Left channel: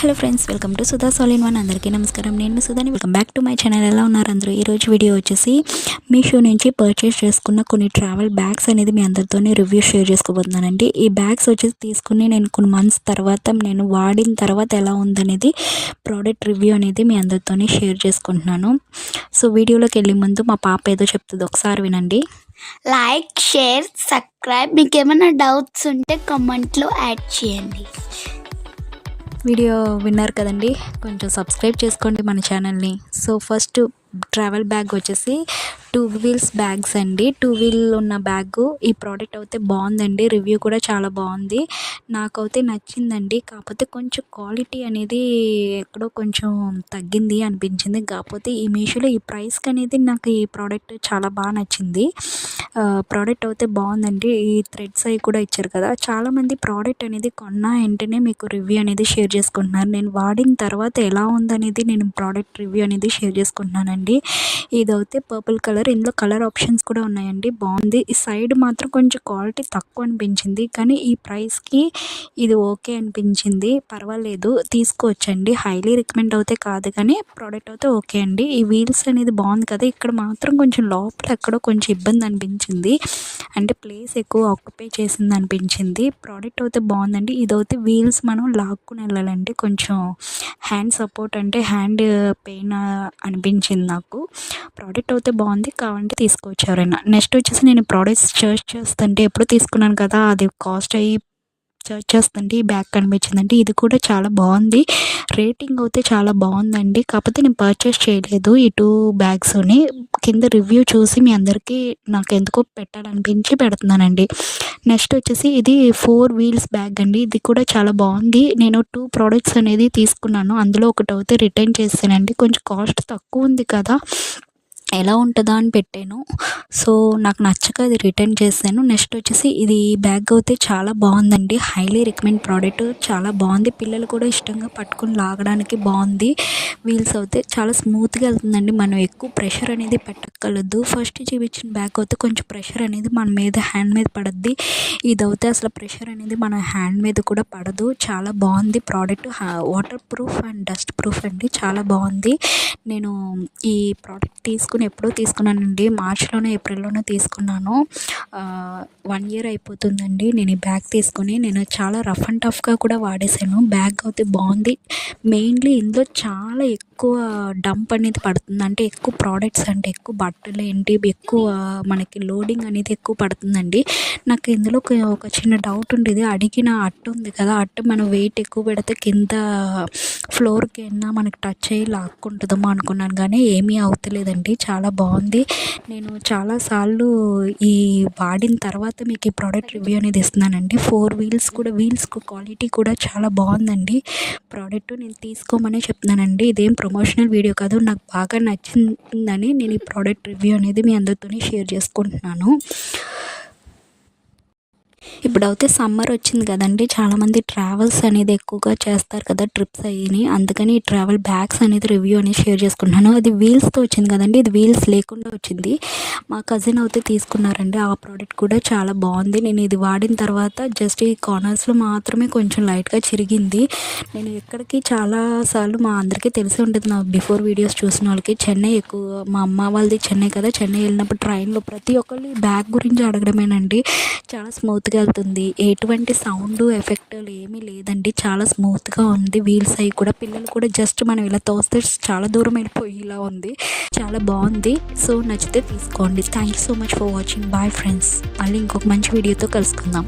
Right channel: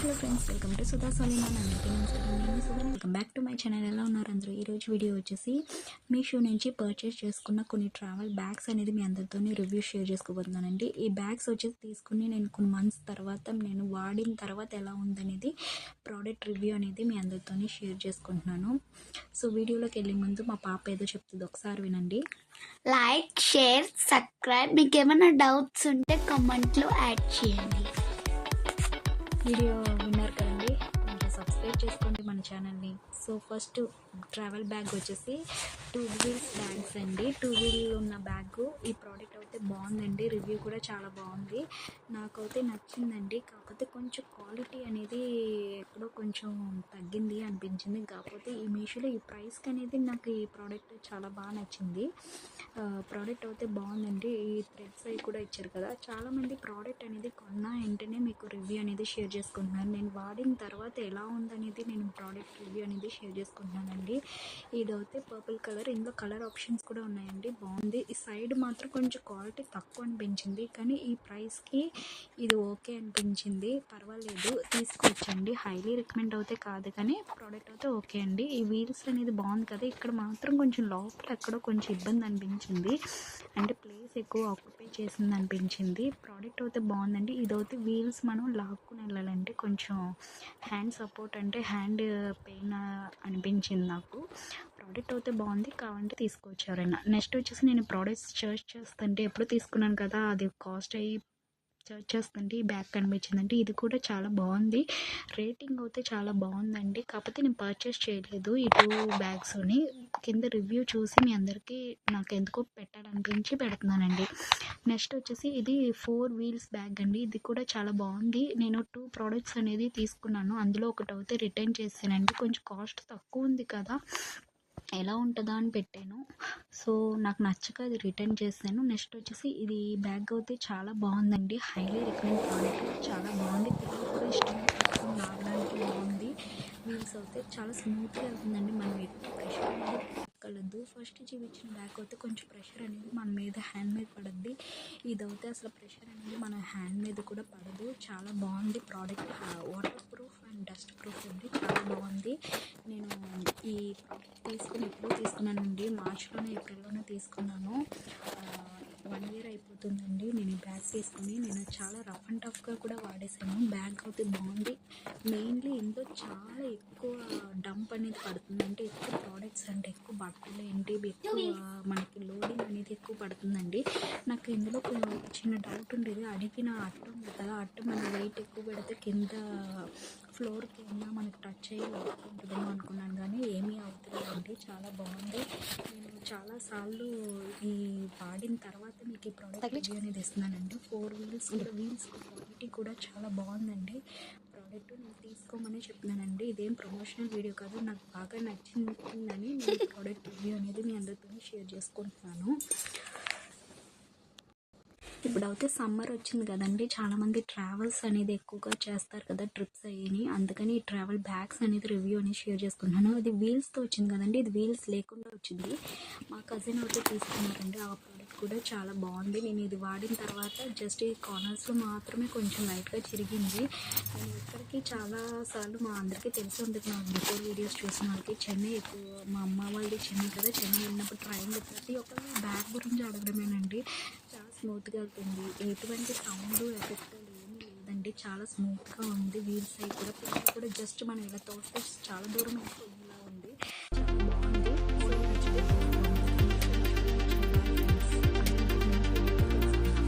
Hello friends, welcome to Sudha all in one. అందరికీ నమస్కారం. నేను మీ సుధాని. Welcome back to my channel. ఎలా ఉన్నారు అందరూ? ఈరోజు వీడియో వచ్చేసి మీషో నుంచి పర్చేస్ చేసుకున్న కొన్ని ట్రావెల్ బ్యాగ్స్ అనేది మీ అందరితోనే రివ్యూ షేర్ చేసుకోబోతున్నానండి. ఈ బ్యాగ్స్ వచ్చేసి తీసుకుని నేను కొన్ని మంత్స్ తర్వాత నేను వాడిన తర్వాత ఎలా ఉందనేది ప్రోడక్ట్ రివ్యూ అనేది మీ అందరితోనే షేర్ చేసుకుంటున్నాను. సో వీడియోలోకి వెళ్ళే ముందు మా పాప ఏదో చెప్తుంది, ఒకసారి వినండి. Like, share, subscribe. మీకు ఏమైనా డౌట్స్ ఉంటే కామెంట్లో యాడ్ చేయండి. వీడియో విన్నారు కదండి, కొంచెం సబ్స్క్రైబ్ చేసుకోండి మన ఛానల్ని. సో ఫస్ట్ ట్రావెల్ బ్యాగ్ వచ్చేసి 2 వీల్స్ బ్యాగ్స్ అండి. 2 వీల్ ఉన్న బ్యాగు. ఈ ప్రోడక్ట్ అయితే బాగుందండి, రివ్యూ కూడా చాలా బాగుంది, నాకైతే నచ్చిందండి. కాకపోతే కొంచెం క్వాలిటీ అనేది ఎక్కడో కొంచెం తగ్గింది అనిపించింది. కాకపోతే ఈ మీషోలో ఈ ప్రైస్కి అనేది నాకు ఈ ప్రోడక్ట్ చాలా బాగా నచ్చింది. ప్రోడక్ట్ అయితే బాగుందండి. ఈ థ్రెడ్స్ అవి కూడా ఇచ్చారు కదా. చాలామంది ప్రోడక్ట్ అనేది కొన్న వెంటనే మీకు రివ్యూ అనేది షేర్ చేసుకుంటున్నారు. నేను వాడిన తర్వాత ఎలా ఉందనేది నేను ప్రోడక్ట్ రివ్యూ అనేది షేర్ చేసుకుంటున్నానండి. ఇదైతే పర్పుల్ కలర్, ఇందులో కలర్ ఆప్షన్స్ కూడా ఉన్నాయండి, బాగుంది. ఈ సైడ్ మాత్రం కొంచెం క్వాలిటీ తక్కువ అనిపించింది, కానీ ఈ ప్రైస్కి ఇది ఓకే అనిపించింది, పర్వాలేదు, తీసుకోవచ్చండి. హైలీ రికమెండ్ అయితే కాదు, కానీ ప్రోడక్ట్ అయితే ఓకే అండి. ఈ వీల్స్ అనేది బాగుంది కదా, ఇక్కడ మాత్రం కొంచెం లోపల ఎక్కడో కొంచెం ఇబ్బంది అనిపించింది, అంటే ప్లేస్ ఎక్కువ ఆక్యుపై చేసింది అనిపించింది. ప్రోడక్ట్ అయితే బాగుందండి. ఇదైతే వీల్స్ మనం లాక్కుని వెళ్ళాలంటే కొంచెం హ్యాండ్ సపోర్ట్, అంటే హ్యాండ్ పెయిన్ అనిపించింది నాకు. ప్రోడక్ట్ అయితే బాగుంది, కావాలంటే తీసుకోవచ్చు ఎవరైనా. నెక్స్ట్ వచ్చేసి నేను ప్రోడక్ట్స్ సర్చ్ చేస్తుంటే ఎప్పుడు తీసుకున్నాను కదా, అది కాస్ట్ అయ్యి సర్చ్ చేస్తుంటే ఈ బ్యాగ్ కనిపించిందండి. ఇది కూడా చాలా బాగుంది, రేటింగ్ అయితే చాలా బాగుందండి. కాకపోతే నేను పర్చేస్ చేయలేదు ఈ 2 బ్యాగ్స్ని. కింద రివ్యూ చూసి మీ అందరికీ నాకు ఎందుకో పెట్టాలనిపించి పెడుతున్నానండి. నెక్స్ట్ వచ్చేసి ఇది 4 వీల్స్ బ్యాగ్ అండి. ఇది కూడా చాలా బాగుంది. నేను 2 ప్రోడక్ట్స్ అనేది తీసుకున్నాను, అందులో ఒకటి అయితే రిటర్న్ చేశానండి. కొంచెం కాస్ట్ తక్కువ ఉంది కదా, ఎలా ఉంటుందా అని పెట్టాను. సో నాకు నచ్చక అది రిటర్న్ చేశాను. నెక్స్ట్ వచ్చేసి ఇది బ్యాగ్ అయితే చాలా బాగుందండి, హైలీ రికమెండ్ ప్రోడక్ట్, చాలా బాగుంది. పిల్లలు కూడా ఇష్టంగా పట్టుకుని లాగడానికి బాగుంది. వీల్స్ అయితే చాలా స్మూత్గా వెళ్తుందండి, మనం ఎక్కువ ప్రెషర్ అనేది పెట్టక్కర్లేదు. ఫస్ట్ చూపించిన బ్యాగ్ అయితే కొంచెం ప్రెషర్ అనేది మన మీద హ్యాండ్ మీద పడుద్ది. ఇదైతే అసలు ప్రెషర్ అనేది మన హ్యాండ్ మీద కూడా పడదు. చాలా బాగుంది product, water proof and dust proof అండి, చాలా బాగుంది. నేను ఈ ప్రోడక్ట్ ఎప్పుడో తీసుకున్నానండి, మార్చ్లోనే ఏప్రిల్లోనే తీసుకున్నాను. 1 year అయిపోతుందండి నేను ఈ బ్యాగ్ తీసుకుని. నేను చాలా రఫ్ అండ్ టఫ్గా కూడా వాడేసాను. బ్యాగ్ అయితే బాగుంది. మెయిన్లీ ఇందులో చాలా ఎక్కువ డంప్ అనేది పడుతుంది, అంటే ఎక్కువ ప్రోడక్ట్స్, అంటే ఎక్కువ బట్టలు ఏంటి ఎక్కువ మనకి లోడింగ్ అనేది ఎక్కువ పడుతుందండి. నాకు ఇందులో ఒక చిన్న డౌట్ ఉండేది, అడిగిన అట్టు ఉంది కదా, అట్టు మనం వెయిట్ ఎక్కువ పెడితే కింద ఫ్లోర్కి అయినా మనకి టచ్ అయ్యి లాక్కుంటుందేమో అనుకున్నాను, కానీ ఏమీ అవుతలేదండి, చాలా బాగుంది. నేను చాలాసార్లు ఈ వాడిన తర్వాత మీకు ఈ ప్రోడక్ట్ రివ్యూ అనేది ఇస్తున్నానండి. 4 వీల్స్ కూడా, వీల్స్ క్వాలిటీ కూడా చాలా బాగుందండి. ప్రోడక్ట్ నేను తీసుకోమనే చెప్తున్నానండి, ఇదేం ప్రమోషనల్ వీడియో కాదు, నాకు బాగా నచ్చిందని నేను ఈ ప్రోడక్ట్ రివ్యూ అనేది మీ అందరితోనే షేర్ చేసుకుంటున్నాను. ఇప్పుడైతే సమ్మర్ వచ్చింది కదండి, చాలామంది ట్రావెల్స్ అనేది ఎక్కువగా చేస్తారు కదా, ట్రిప్స్ అయ్యి, అందుకని ఈ ట్రావెల్ బ్యాగ్స్ అనేది రివ్యూ అనేది షేర్ చేసుకుంటున్నాను. అది వీల్స్తో వచ్చింది కదండి, ఇది వీల్స్ లేకుండా వచ్చింది. మా కజిన్ అయితే తీసుకున్నారండి, ఆ ప్రోడక్ట్ కూడా చాలా బాగుంది. నేను ఇది వాడిన తర్వాత జస్ట్ ఈ కార్నర్స్లో మాత్రమే కొంచెం లైట్గా చిరిగింది. నేను ఎక్కడికి చాలాసార్లు, మా అందరికీ తెలిసి ఉంటుంది, నా బిఫోర్ వీడియోస్ చూసిన వాళ్ళకి, చెన్నై ఎక్కువ, మా అమ్మ వాళ్ళది చెన్నై కదా, చెన్నై వెళ్ళినప్పుడు ట్రైన్లో ప్రతి ఒక్కళ్ళు ఈ బ్యాగ్ గురించి అడగడమేనండి. చాలా స్మూత్గా వెళ్తుంది, ఎటువంటి సౌండ్ ఎఫెక్ట్ ఏమీ లేదండి, చాలా స్మూత్గా ఉంది. వీల్స్ అవి కూడా, పిల్లలు కూడా జస్ట్ మనం ఇలా తోస్తే చాలా దూరం వెళ్ళిపోయేలా ఉంది, చాలా బాగుంది. సో నచ్చితే తీసుకోండి. Thank you so much for watching. Bye friends, మళ్ళీ ఇంకొక మంచి వీడియోతో కలుసుకుందాం.